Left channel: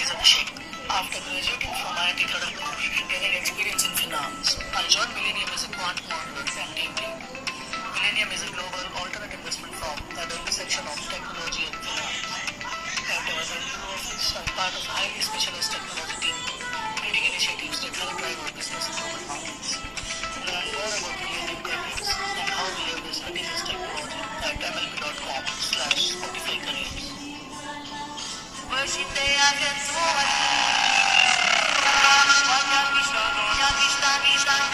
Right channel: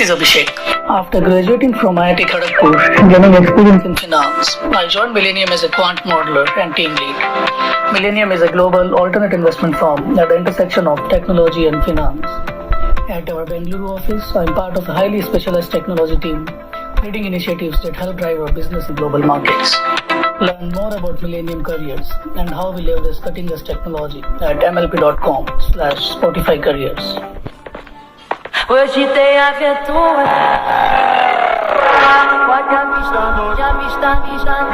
This is Abhishek. After graduating from IIT Kharagpur and gaining experience in finance, I joined Millennium as a quant modeler and team lead. Millennium is a global alternate investment firm at the intersection of technology and finance. At our Bengaluru office, I'm part of a highly specialized technology team, leading initiatives that help drive our business in global markets. Learn more about Millennium Careers and how we leverage cutting-edge technology at mlp.com/Spotify Careers. Hoje tem aventura. Pode avistar, pode avistar, avistar.